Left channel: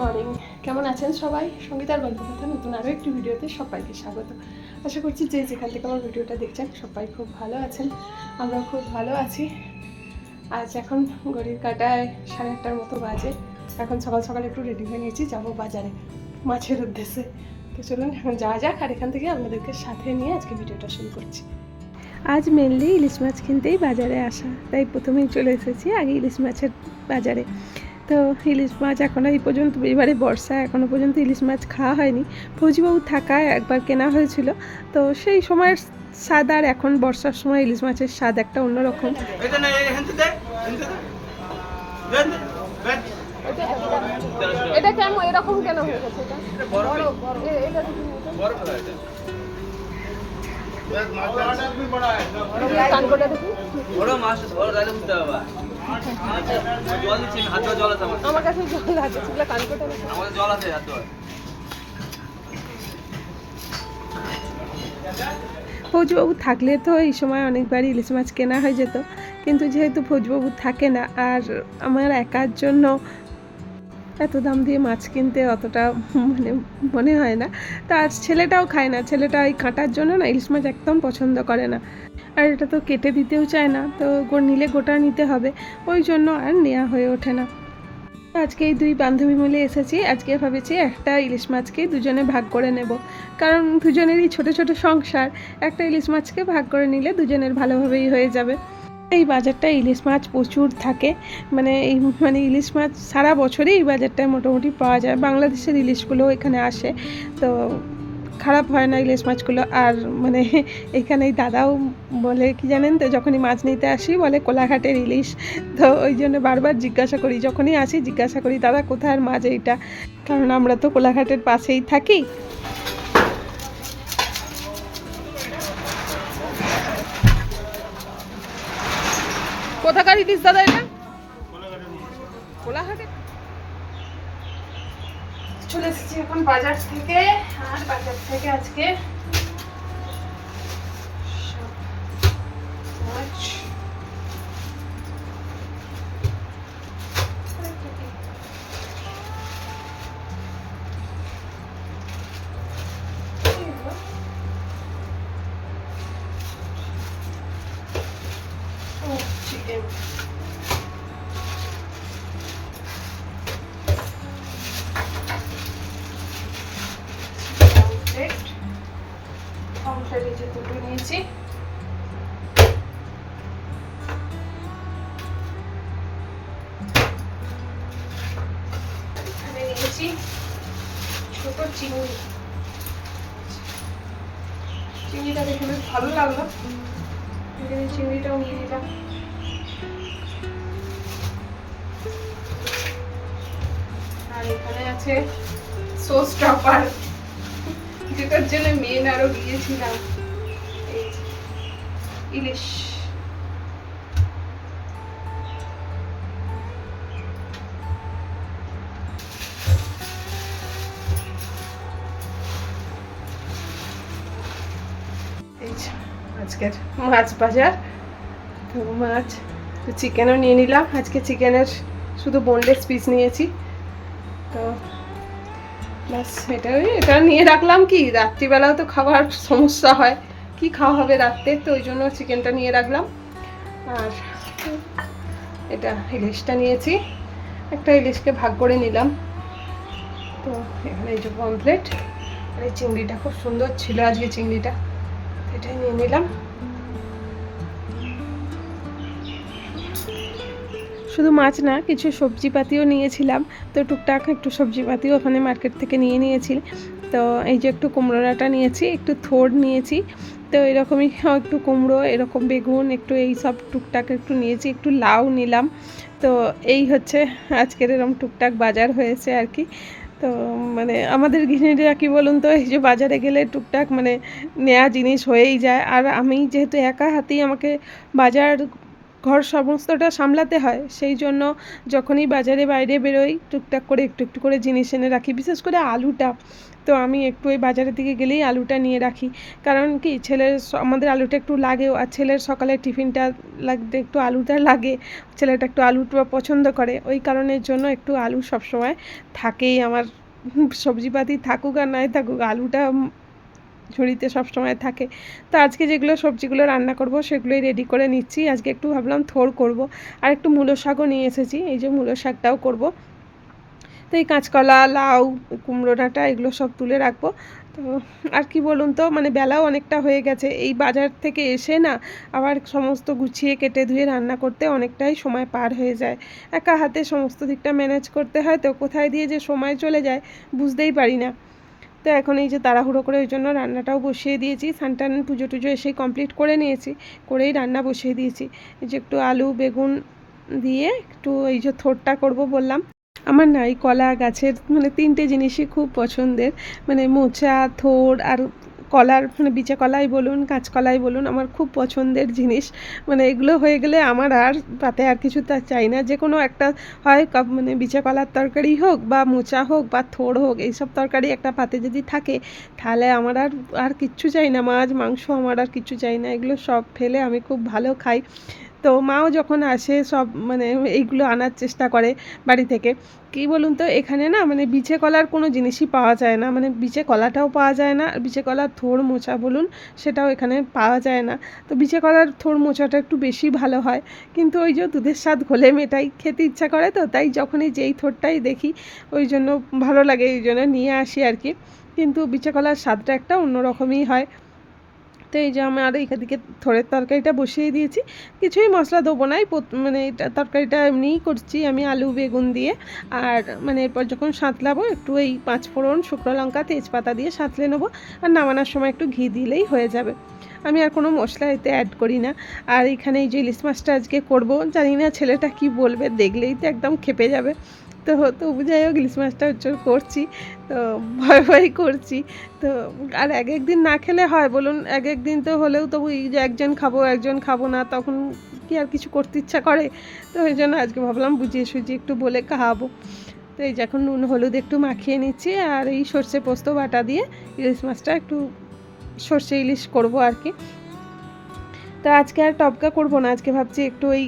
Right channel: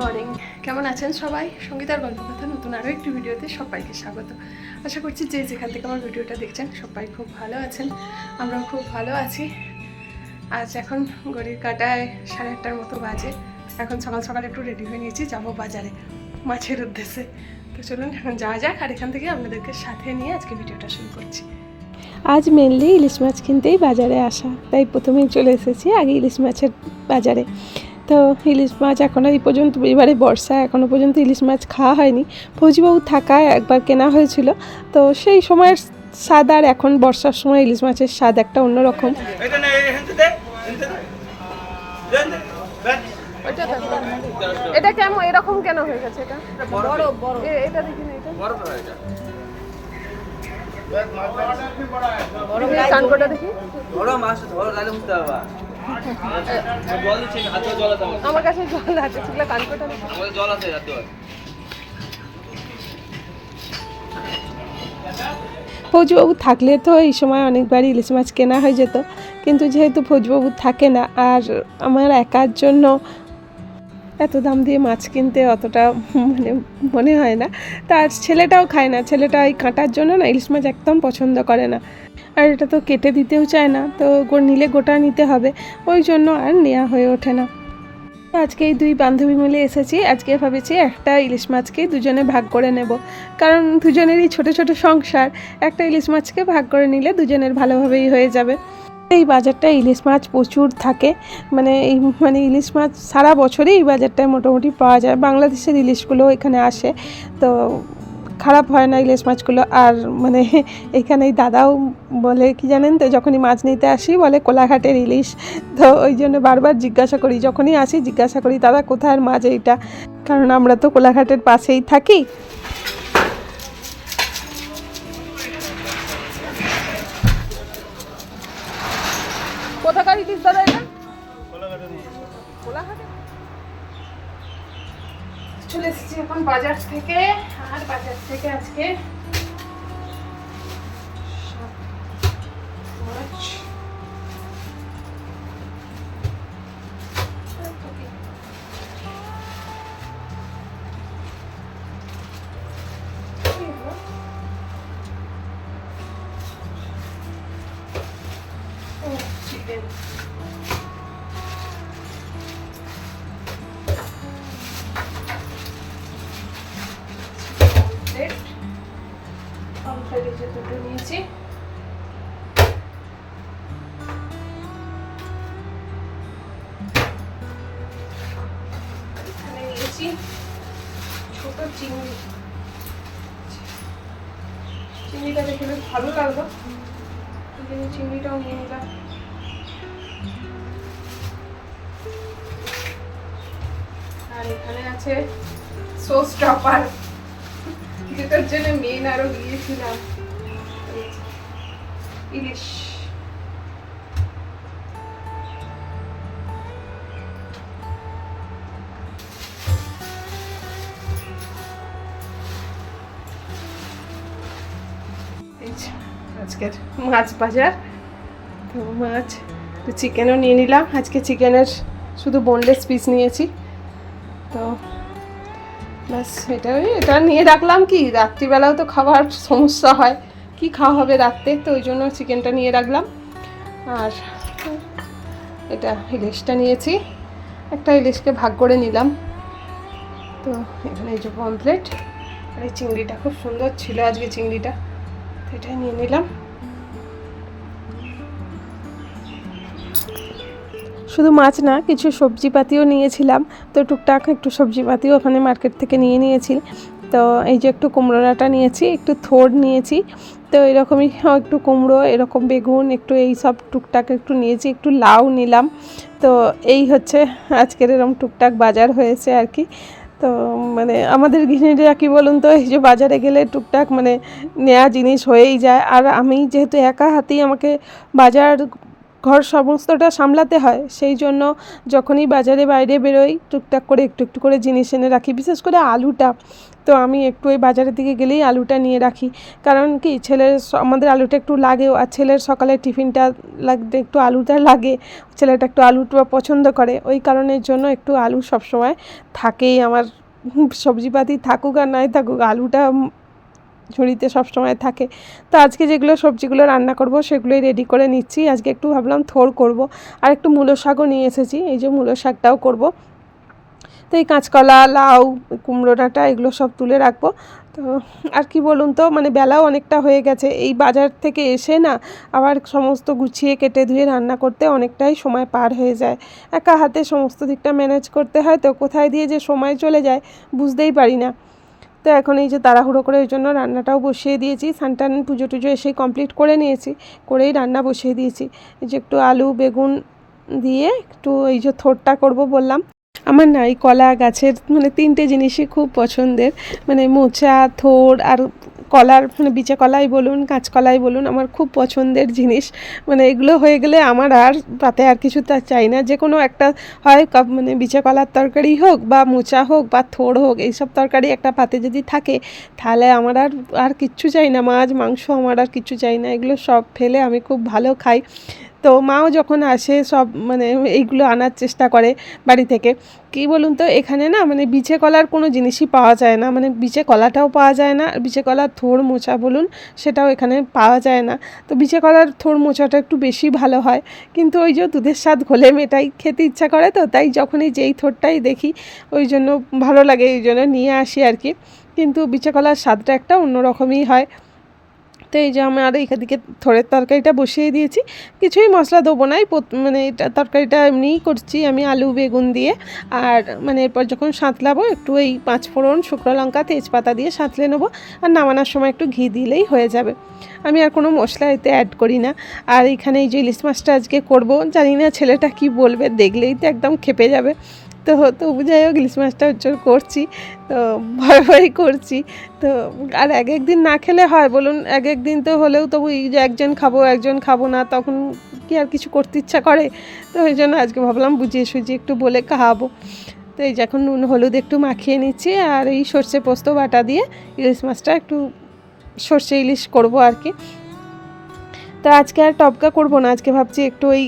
Morning, কেমন আছেন সবাই? সঙ্গীতার গল্প কথা নতুন আরও একটি ভিডিওতে সবাইকে স্বাগত। আশা করছি যে যেখান থেকে আমার ভিডিওটা দেখছেন সবাই খুব ভালো আছেন, আমরাও খুব ভালো আছি। আজ এখন ঘড়ির কাঁটায় 8:30টার মতো বাজে। এখন সকাল সকাল একটু রেডি হয়ে নিয়েছি, যাবো বাজারে মাছের উদ্দেশ্যে। তো চলুন এখন যাওয়া যাক, আর এখান থেকে আপনাদেরকে সাথে নিয়ে আজকে ভিডিওটা শুরু করছি। আজ মেনলি ইলিশ মাছ কিনতেই বাজারে আসা, তাই প্রথমেই চলে এসেছি আগে ইলিশ মাছের বাজারে। তো ইলিশ মাছ এখন এই পর্যন্ত, এবারে বর্ষা এখনও পর্যন্ত ইলিশ মাছ খাওয়া হয়নি। ফৌজিবাবু থাকায় একবার কেনা হয়েছিল, তো সেই সময়ের স্বাদ আর এখন বর্ষার সময় ইলিশ মাছের স্বাদ একটা অন্যরকম। এটা কেমন এরকম কেন হয়ে গেছে? এটা এটা দেখি, কানকোটা দেখি। আমার কাছে জল আছে, সেগুলো কানকোটা দেখি। জল আছে। ফৌজবাবু থাকলে তো এই সময় অনেকবারই ইলিশ মাছ কেনা হয়ে যেত, কিন্তু যেহেতু ফৌজবাবু থাকে না আর আমার একার জন্য এত দাম দিয়ে মাছ কিনতে অতটা মনে হয় না। তার ছেলেটাও খায় না, ছেলেটা এই কাঁটার জন্য না ইলিশ মাছ একদম পছন্দ করে না, আর এটা তো কেটে দিতেও চায় না, তো নিলে গোটা নিতে হবে, ওই জন্য আর নেওয়া হয়ে ওঠে না। আজকে এই দুই বান্ধবী মিলে এসেছি। আজকে ভেবেছি একটা ইলিশ মাছকে দুজনে ভাগ করে নেব, কারণ দুজনেরই ছোট ছোট সংসার, একটা ইলিশ মাছকে ভাগ করে নিলে দুজনের ভালোভাবেই হয়ে যাবে। এই বাজারটা ইলিশ মাছ প্রচুর থাকে, মানে ইলিশ মাছ সারা বছরই এই বাজারটায় মোটামুটি পাওয়া যায়। বাংলাদেশের ইলিশগুলো এখানে আসে, তো খারাপ হয় না ইলিশ মাছগুলো। আর এখানে দাদাও বলে কি জানেন তো, যখনই মাছ নিতে আসি বলে কোলাঘাটের ইলিশ। তো ওই জন্য বারবার জিজ্ঞাসা করি, যখনই আসি জিজ্ঞাসা করি দাদা কোথায় মাছ এইটা, কারণ আমরা তো কোলাঘাটের পাশেই থাকি। কোথাকার ইলিশ দাদা এটা? কোলাঘাটে। চলে এসেছি এখন বাজার থেকে, আর বাজার থেকে আজকে মাছ চিকেন, দুটো নিয়েছি। নিয়েছি ছোট চিংড়ি, চিংড়িটা দেখে বেশ ভালো লাগলো, চিংড়িটাও নিয়ে নিলাম। আর এখানে আছে সস টপার, যেটার জন্য মেন আরো গিয়েছিলাম, ইলিশ। আজকের মাছ বাজার, তো মাছ তো চিকেনও নিয়ে নিলাম। আজকে চিকেনের শুধু বোনলেস পিস নিয়েছি, তো ব্যাস এটা নিয়ে রাখলাম। কি রাত্রিবেলাও তো খাবার সমস্যা হয়, কি খাওয়া হবে রাত্রে, তো ওই জন্য চিকেনটা নিয়ে রাখলাম। আর এটা ইলিশটা নিয়েছি, একটা ইলিশকে ভাগ করে নিলাম। তো এখানে এই যে পমফ্লেট, এই চিংড়িটা খুব সুন্দর ছিল আজকে চিংড়িটা, এটাই নিয়ে নিলাম। শুধু মাছ না, কিছু সবজিপাতিও নিয়েছিলাম, তো টুকটাক একটু সবজিপাতিও ওখানে মার্কেট থেকে নিয়ে নিয়েছি। তো এই যে একটু কুমড়ো ডাঁটা নিয়েছি, একটু থোড় নিয়েছি, তো এরকমই একটু কুমড়ো, এরকম বেগুন, একটু এই সব টুকটাক একটু নিয়েছি, একটু লাউ নিলাম। তো এই হচ্ছে আজকের এরকম টুকটাক বাজার হয়েছে আর কি। তো আমাদের গৃহিণীরা কী বলুন তো, এই যে বাজারে গেলে টুকটাক নেওয়া জিনিস হয়েই যায়। আর আমি যেহেতু একা হাতেই আমাকে বাজার ঘর সমস্তটা সামলাতে হয়, সেই জন্য যখনই বাজারে বাইরে বেরোই টুকটাক করে একটু একটু করে জিনিস এনে রাখি, বিশেষ করে আলুটা। তো আমি একটু ওই বাজারের দিকে গেলেই আলুটা নিয়ে রাখি, কারণ কি আমাদের আলুটা একটু লাগেও, আর ছেলের সকালে টিফিনটা লাগতে একটু আলুটা লাগে, ছেলেটা একটু আলুটা পছন্দ করে, ওই কারণের জন্য একটু আলু সবসময় থাকেই আমার। সবজিপাতি থাকুক আর নাই থাকুক, আলুটা ঝুড়িতে সবসময় থাকে। তো আজকে যেগুলো সবজিগুলো রান্না করব সেগুলোই রেডি করে নিচ্ছি। আজকে একটু ভাবলাম থোড় করব, আর একটু মূলো শাকও নিয়ে এসেছি, এই যে মূলো শাকটাও করব। তো এই কাঁচকলা, লাউ, কুমড়ো ডাঁটা এগুলো সব তুলে রাখবো। তো আর কি বলুন তো, মানে বেলাও অনেকটা হয়ে গেছে, এই বাজার থেকে এসে না আবার সমস্ত গুছিয়ে কেটে ধুয়ে রান্না করতে অনেকটাই সময় পার হয়ে যায়। একা হাতে সমস্ত দিকটা ম্যানেজ করতে হয়, তো কোথায় দিয়ে যে সময় চলে যায় বুঝতেই পারি না। তো এখন এই যে তাড়াহুড়ো করে ওই জন্য রান্নাটাও বসিয়ে দিয়েছি, সানটান পুজো টুজো এসেই কমপ্লিট করে নিয়েছি, করেই রান্না বসিয়ে দিয়েছি। এই যে একটু আলু বেগুন দিয়ে একটু এই যে থোড়টা করব বললাম। আমার না এই কলা গাছের মানে 3টে জিনিসই খুব পছন্দের, মানে মোচা, থোড় আর কলার, মানে বিচে কলাই বলুন কাঁচকলাই বলুন, আমার খুব পছন্দের জিনিস। মানে এগুলো হয়ে গেলে আমার আর তাতে আর কিছু তা চাই না, যে কোনো একটা হয় মানে বিচে কলার তরকারি হোক বা মোচা হোক বা থোড় হোক, এইসব তরকারি একটা পাতে যদি থাকে তাহলে আমার আর কিচ্ছু চাই না, মাছ মাংস আমার আর কিচ্ছু চাই না, এগুলো সব ফেলে আমি খুব ভালো খাই। তো মাও যখন আসে সব মানে এইগুলো আনার চেষ্টা করে বাড়ি থেকে। কী বলুন তো, এখানে না মানে বিচে কলার কোনো জিনিসই পাওয়া যায় না, মানে বিচে কলাটাও পাওয়া যায় না, বিচে কলার থোড় মোচা বলুন সেটাও এখানে পাওয়া যায় না। তো বিচে কলার থোড় মোচাটা একটু বেশি ভালো হয়, কিন্তু ওই যে দুধের স্বাদ ঘোলে মেটাই, খেতে ইচ্ছা করে, তো তাই যখনই যেই থোড়টাই দেখি ওই জন্য ভালো লাগে, এই জন্য নিয়ে আসি আর কি। কিন্তু বিচে কলার স্বাদটা একটা অন্যরকমই হয়। তো এই যে আমি আর এইদিকে থোড়ের তরকারিটা বসিয়ে দিয়েছি, কিছুই মশলা দেবো না, মানে এটা তরকারিটা এমনিই করছি আমি আলু বেগুন দিয়ে। আর মানে এরপর যখন সাঁতলাবো একটু এই 5 ফোড়ন, শুকনো লঙ্কা, তেজপাতা দিয়ে সাঁতলে নেবো, আর নামানোর সময় একটু ঘি দিলেই হয়ে যাবে। আমি আর কোনো মশলা এতে অ্যাড করি না। আর এখানে এই যে ইলিশ মাছটা আজকে করবো, জানি না ছেলেটা কি বলবে, দেখলেই তো একদম খেপে যাবে। তো তবু যাই হোক ইলিশ মাছটা করছি, তো ভয় ভয় করছি। তো আর এক দিন না খেলে হয় বলুন, এক দিন তো হলেও তবু এই যে একজন খাবো একজন খাবো না, তখন কি আর কিছু করতে ইচ্ছা করে। তো ওই জন্য আজকে ভাবলাম বুঝিয়ে সুঝিয়ে একটু বলে খাওয়াবো। তো এই যে এখন নুন হলুদ একটু মাখিয়ে নিচ্ছি, আর এই সর্ষে পোস্ত বাটা দিয়ে ইলিশ মাছটা একটু সর্ষে ইলিশ করব আর কি। তো আজকে আর টপকা করব না, আজকে ভাবছি একটু ওই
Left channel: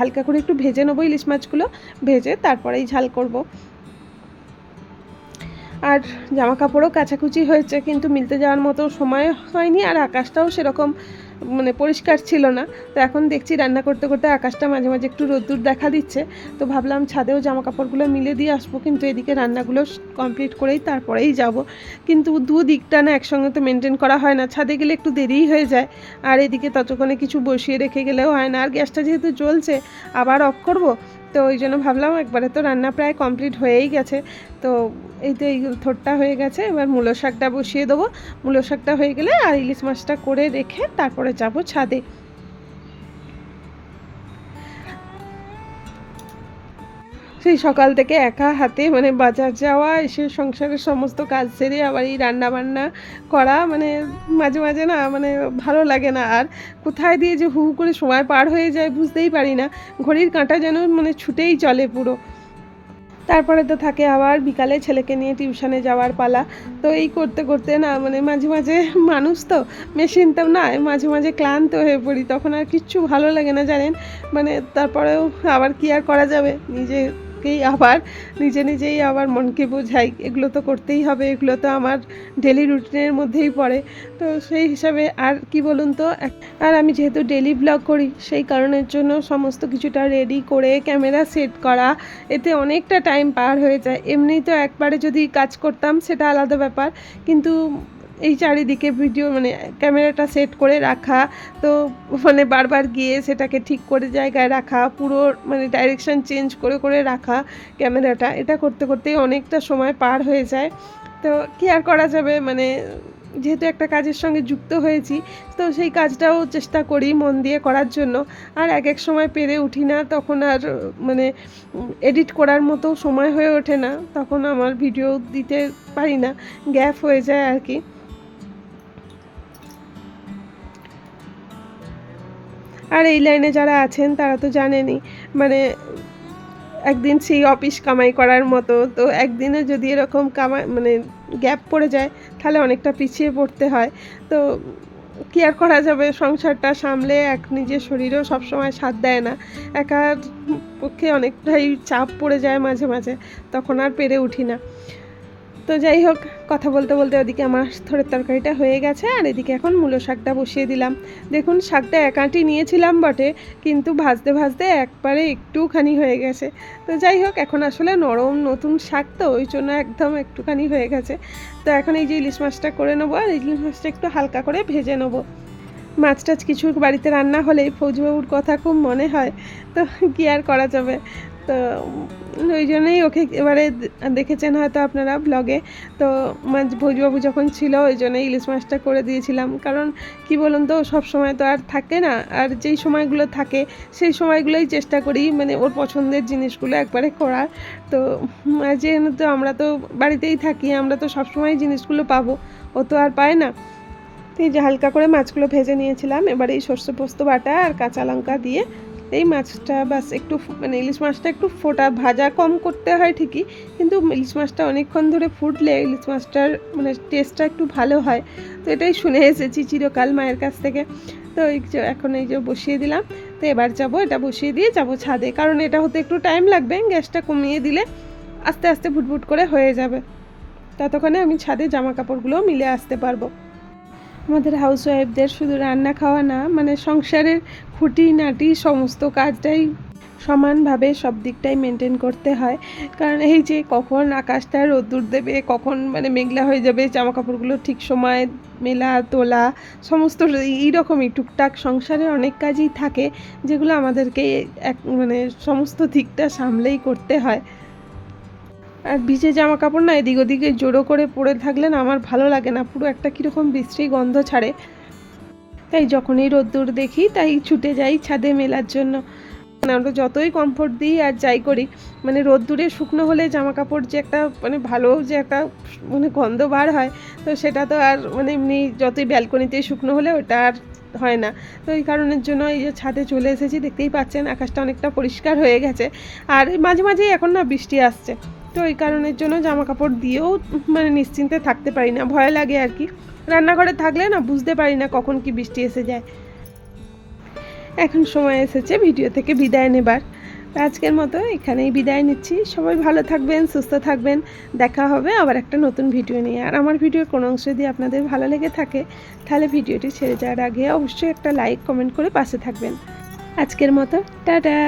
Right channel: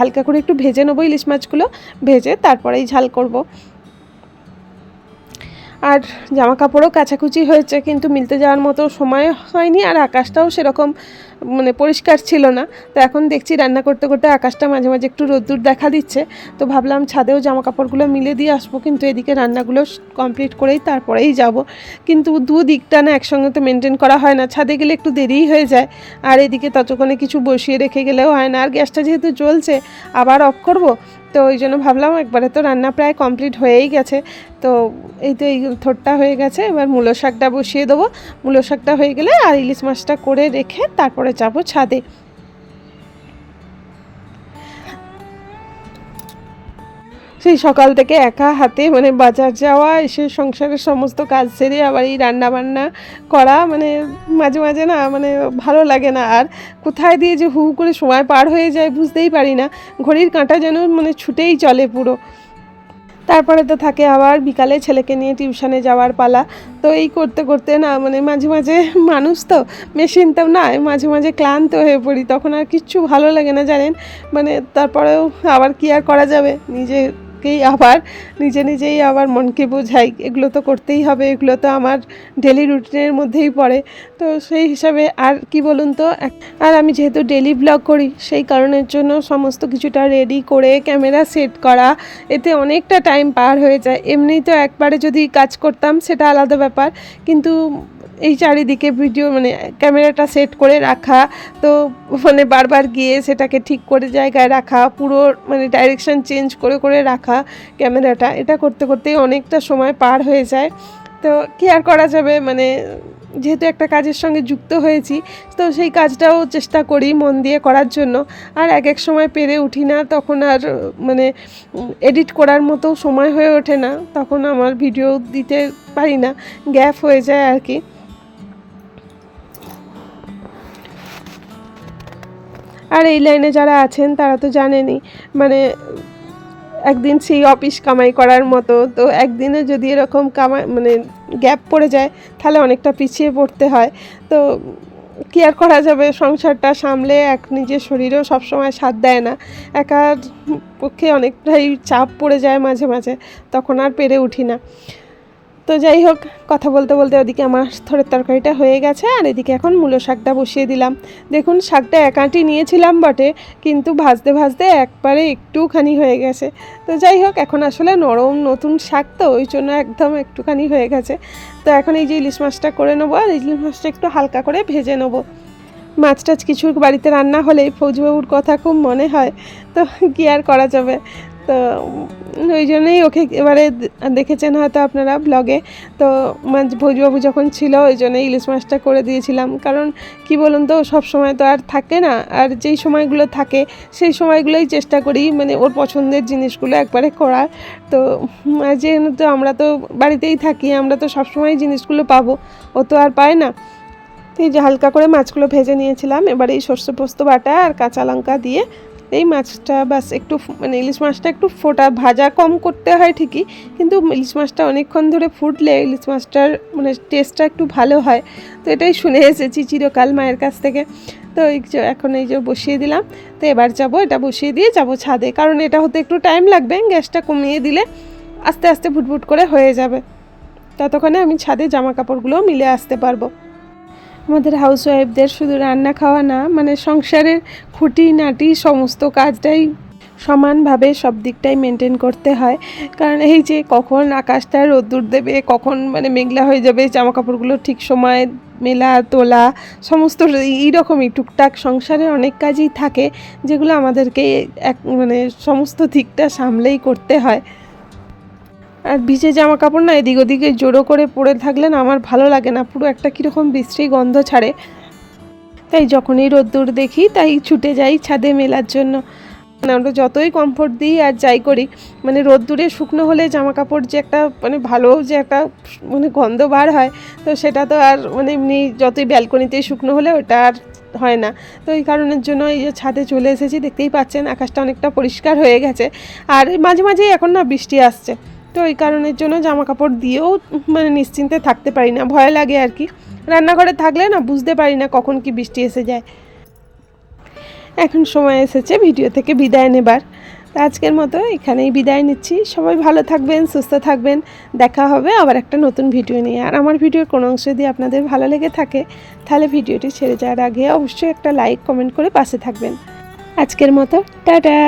হালকা করে একটু ভেজে নেবো ইলিশ মাছগুলো, ভেজে তারপরেই ঝাল করব। আর জামা কাপড়ও কাচাকুচি হয়েছে, কিন্তু মিলতে যাওয়ার মতো সময় হয়নি, আর আকাশটাও সেরকম মানে পরিষ্কার ছিল না। তো এখন দেখছি রান্না করতে করতে আকাশটা মাঝে মাঝে একটু রোদ্দুর দেখা দিচ্ছে, তো ভাবলাম ছাদেও জামা কাপড়গুলো মিলে দিয়ে আসবো, কিন্তু এদিকে রান্নাগুলো কমপ্লিট করেই তারপরেই যাব। কিন্তু দিকটা না একসঙ্গে তো মেনটেন করা হয় না, ছাদে গেলে একটু দেরিই হয়ে যায়, আর এদিকে ততক্ষণে কিছু বসিয়ে রেখে গেলেও হয় না, আর গ্যাসটা যেহেতু জ্বলছে আবার অফ করব। তো ওই জন্য ভাবলাম একবারে তো রান্না প্রায় কমপ্লিট হয়েই গেছে। তো এই তো এই থোড়টা হয়ে গেছে, এবার মূলো শাকটা বসিয়ে দেবো। মূলো শাকটা হয়ে গেলে আর ইলিশ মাছটা করে রেখে তারপরে যাব ছাদে। সেই সকাল থেকে একা হাতে মানে বাজার যাওয়া, এসে সংসারের সমস্ত কাজ সেরে আবার এই রান্না বান্না করা, মানে মাঝে মাঝে না মানে ভালো লাগে না, আর কোথায় দিয়ে যে হু করে সময় পার হয়ে যায় বুঝতেই পারি না, ঘড়ির কাঁটা যেন মানে ছুটেই চলে পুরো। তারপরে তো থাকে আবার বিকালে ছেলেকে নিয়ে টিউশনে যাওয়ার পালা। তো এই করতে করতে না মানে মাঝে মাঝে মানুষ তো মেশিন তো না, মাঝে মাঝে ক্লান্ত হয়ে পড়ি, তখন আর কিচ্ছু ভালো লাগে না জানেন। মানে তারপরেও আবার কি আর করা যাবে, নিজেকেই আবার নিজেই আবার মনকে বোঝাই, এগুলো তো করতেই হবে, এগুলো তো আমার ডেলি রুটিনের মধ্যেই পড়ে। তো সেই হিসাবে আর কি বলুন তো, আর আমি যেহেতু ডেলি ব্লগ করি সেই কারণের জন্য সমস্ত কিছুটা রেডি করে ক্যামেরা সেট করা, এতে অনেকটা টাইম পার হয়ে যায়। এমনি তো একবারে যদি কাজ করতাম সেটা আলাদা ব্যাপার, কিন্তু এই চারিদিকে ভিডিও মানে ক্যামেরাটা সেট করে রাখা, তো মানে বারবার গিয়ে সেটাকে ঠিক করে জায়গায় রাখা, পুরো মানে ডাইরেকশন চেঞ্জ করে করে রাখা ক্যামেরাটা, এটা করতে করতেই অনেকটা সময় পার হয়ে যায়। তো কী আর করা যাবে, মানে যেহেতু একটা কাজের সঙ্গে যুক্ত হয়েছি, তো সেই কাজটাও চেষ্টা করি মন দিয়ে করার জন্য। আর এক সময় পেরে উঠি না, তখন আর মানে এডিট করার মতো সময় হয়ে ওঠে না, তখন আমার ভিডিও দিতে পারি না, গ্যাপ হয়ে যায় আর কি। আর এই লাইনে যারা আছেন তারা তো জানেনই, মানে একদিন সেই অফিস কামাই করার মতো, তো একদিনে যদি এরকম কামাই মানে গ্যাপ পড়ে যায় তাহলে অনেকটা পিছিয়ে পড়তে হয়। তো কি আর করা যাবে, সংসারটা সামলে নিজের শরীরেও সবসময় সাথ দেয় না, একার পক্ষে অনেকটাই চাপ পড়ে যায় মাঝে মাঝে, তখন আর পেরে উঠি না। তো যাই হোক, কথা বলতে বলতে ওদিকে আমার থোড়ের তরকারিটা হয়ে গেছে, আর এদিকে এখন মূলো শাকটা বসিয়ে দিলাম। দেখুন শাকটা একাটি নিয়েছিলাম বটে, কিন্তু ভাজতে ভাজতে একবারে একটুখানি হয়ে গেছে। তো যাই হোক, এখন আসলে নরম নতুন শাক তো ওই জন্য একদম একটুখানি হয়ে গেছে। তো এখন এই যে ইলিশ মাছটা করে নেবো, আর ইলিশ মাছটা একটু হালকা করে ভেজে নেবো। মাছ টাছ কিছু বাড়িতে রান্না হলেই ফৌজবাবুর কথা খুব মনে হয়, তো কী আর করা যাবে। তো ওই জন্যই ওকে এবারে দেখেছেন হয়তো আপনারা ব্লগে, তো ফৌজবাবু যখন ছিল ওই জন্যই ইলিশ মাছটা করে দিয়েছিলাম। কারণ কি বলুন তো, সব সময় তো আর থাকে না, আর যেই সময়গুলো থাকে সেই সময়গুলোই চেষ্টা করি মানে ওর পছন্দের জিনিসগুলো একবারে করার। তো যেহেতু আমরা তো বাড়িতেই থাকি, আমরা তো সবসময় জিনিসগুলো পাবো, ও তো আর পায় না। তো এই যে হালকা করে মাছগুলো ভেজে নিয়েছিলাম, এবার এই সর্ষে পোস্ত বাটা আর কাঁচা লঙ্কা দিয়ে এই মাছটা বাস একটু মানে ইলিশ মাছটা একটু ফোটা ভাজা কম করতে হয় ঠিকই, কিন্তু ইলিশ মাছটা অনেকক্ষণ ধরে ফুটলে ইলিশ মাছটার মানে টেস্টটা একটু ভালো হয়। তো এটাই শুনে এসেছি চিরকাল মায়ের কাছ থেকে। তো এই যে এখন এই যে বসিয়ে দিলাম। তো এবার যাবো, এটা বসিয়ে দিয়ে যাব ছাদে, কারণ এটা হতে একটু টাইম লাগবে, গ্যাসটা কমিয়ে দিলে আস্তে আস্তে ফুটফুট করে হয়ে যাবে। ততক্ষণে আমি ছাদে জামা কাপড়গুলো মিলে আসতে পারবো। আমাদের হাউসওয়াইফদের শুধু রান্না খাওয়া না, মানে সংসারের খুঁটিনাটি সমস্ত কাজটাই সমানভাবে সব দিকটাই মেনটেন করতে হয়। কারণ এই যে কখন আকাশটা রোদ্দুর দেবে, কখন মানে মেঘলা হয়ে যাবে, জামা কাপড়গুলো ঠিক সময়ে মেলা তোলা, সমস্ত এইরকমই টুকটাক সংসারে অনেক কাজই থাকে, যেগুলো আমাদেরকে মানে সমস্ত দিকটা সামলেই করতে হয়। আর ভিজে জামা কাপড় না এদিক ওদিকে জোড়ো করে পরে থাকলে না আমার ভালো লাগে না, পুরো একটা কীরকম বিশ্রী গন্ধ ছাড়ে। তাই যখনই রোদ্দুর দেখি তাই ছুটে যাই ছাদে মেলার জন্য। মানে আমরা যতই কমফোর্ট দিই আর যাই করি, মানে রোদ্দুরে শুকনো হলে জামা কাপড় যে একটা মানে ভালো যে একটা মানে গন্ধ বার হয়, তো সেটা তো আর মানে এমনি যতই ব্যালকনিতে শুকনো হলে ওটা আর হয় না। তো এই কারণের জন্য এই যে ছাদে চলে এসেছি, দেখতেই পাচ্ছেন আকাশটা অনেকটা পরিষ্কার হয়ে গেছে, আর মাঝে মাঝেই এখন না বৃষ্টি আসছে। তো এই কারণের জন্য জামা কাপড় দিয়েও মানে নিশ্চিন্তে থাকতে পারি না, ভয় লাগে আর কি। রান্নাঘরে থাকলে না বুঝতে পারি না কখন কি বৃষ্টি এসে যায়। এখন সময় এসেছে ভিডিও থেকে বিদায় নেবার। আজকের মতো এখানেই বিদায় নিচ্ছি। সবাই ভালো থাকবেন, সুস্থ থাকবেন। দেখা হবে আবার একটা নতুন ভিডিও নিয়ে। আর আমার ভিডিওর কোনো অংশ যদি আপনাদের ভালো লেগে থাকে তাহলে ভিডিওটি ছেড়ে যাওয়ার আগে অবশ্যই একটা লাইক কমেন্ট করে পাশে থাকবেন। আজকের মতো টাটা।